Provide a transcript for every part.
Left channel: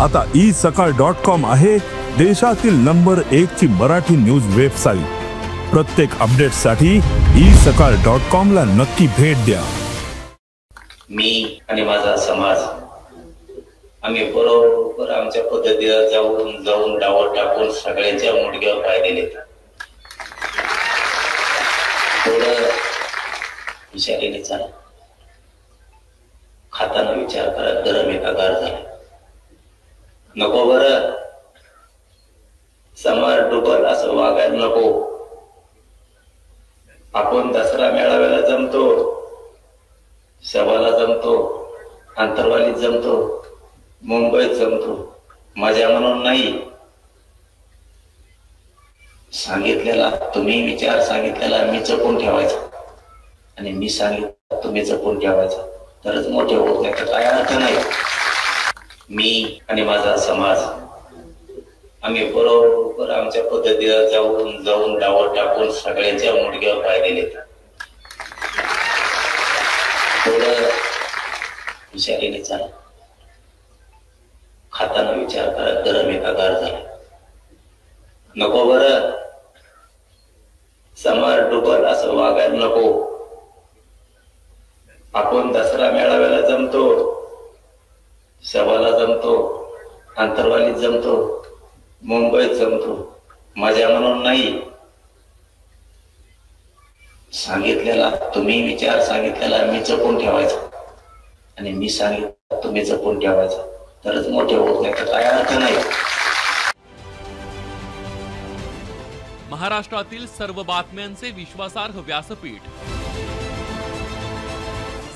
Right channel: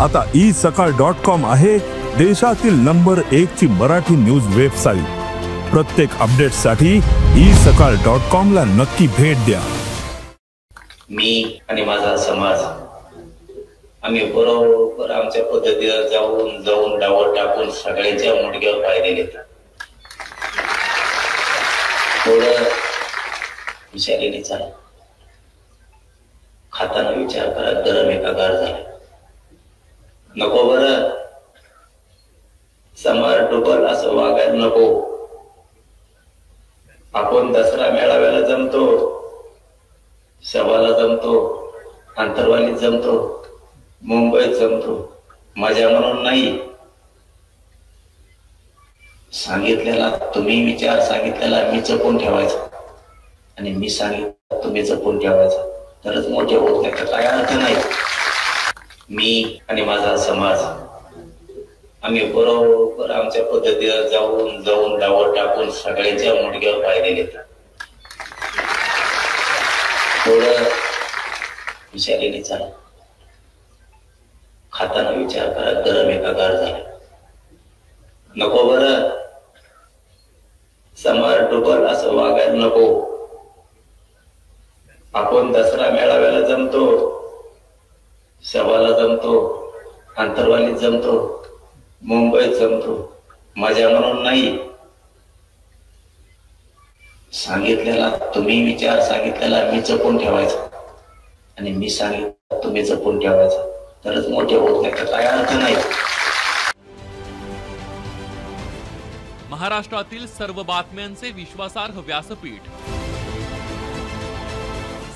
आता isakal.com आहे देशातील नंबर 1 ची मराठी न्यूज वेबसाईट। प्रत्येक अपडेटसाठी isakal.com ला नक्की भेट द्या। मी आणि माझा समाज आम्ही बरोबर आमच्या पद्धतीला जाऊन डावर टाकून सगळ्यांच्या मुडक्यावर पाय दिले। थोडं विचाराने चाला, खाताना विचार करा, गरम एका गार झाला नको। बरं समाज डुबल असं वागायला नको। आपण दसरा मेळाव्याला जमतो, सभाला जमतो, अंतरवालीत जमतो, मुंबईत जमतो, मजा म्हणून नाही। सांगितलेला तुम्ही विचार सांगितलेला मी जपून ठेवायचा आणि मी सांगितलं तुम्ही जपून ठेवायचा, तरच मोठे होत नाही तर काय अर्थ नाही। मी आणि माझा समाज आम्ही बरोबर आमच्या पद्धतीला जाऊन डावर टाकून सगळ्यांच्या मुडक्यावर पाय दिले। थोडं विचाराने चाला, खाताना विचार करा, गरम एका गार झाला नको। बरं समाज डुबल असं वागायला नको। आपण दसरा मेळाव्याला जमतो, सभाला जमतो, अंतरवालीत जमतो, मुंबईत जमतो, मजा म्हणून नाही। सांगितलेला तुम्ही विचार सांगितलेला मी जपून ठेवायचा आणि मी सांगितलं तुम्ही जपून ठेवायचा, तरच मोठे होत नाही तर काय अर्थ नाही। महाराष्ट्रातील सर्व बातम्यांचे विश्वासार्ह व्यासपीठ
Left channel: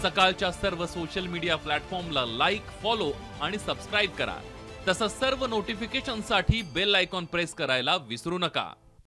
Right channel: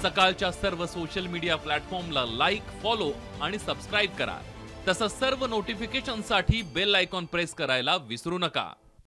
सकाळच्या सर्व सोशल मीडिया प्लॅटफॉर्मला लाईक, फॉलो आणि सबस्क्राईब करा। तसंच सर्व नोटिफिकेशनसाठी बेल आयकॉन प्रेस करायला विसरू नका।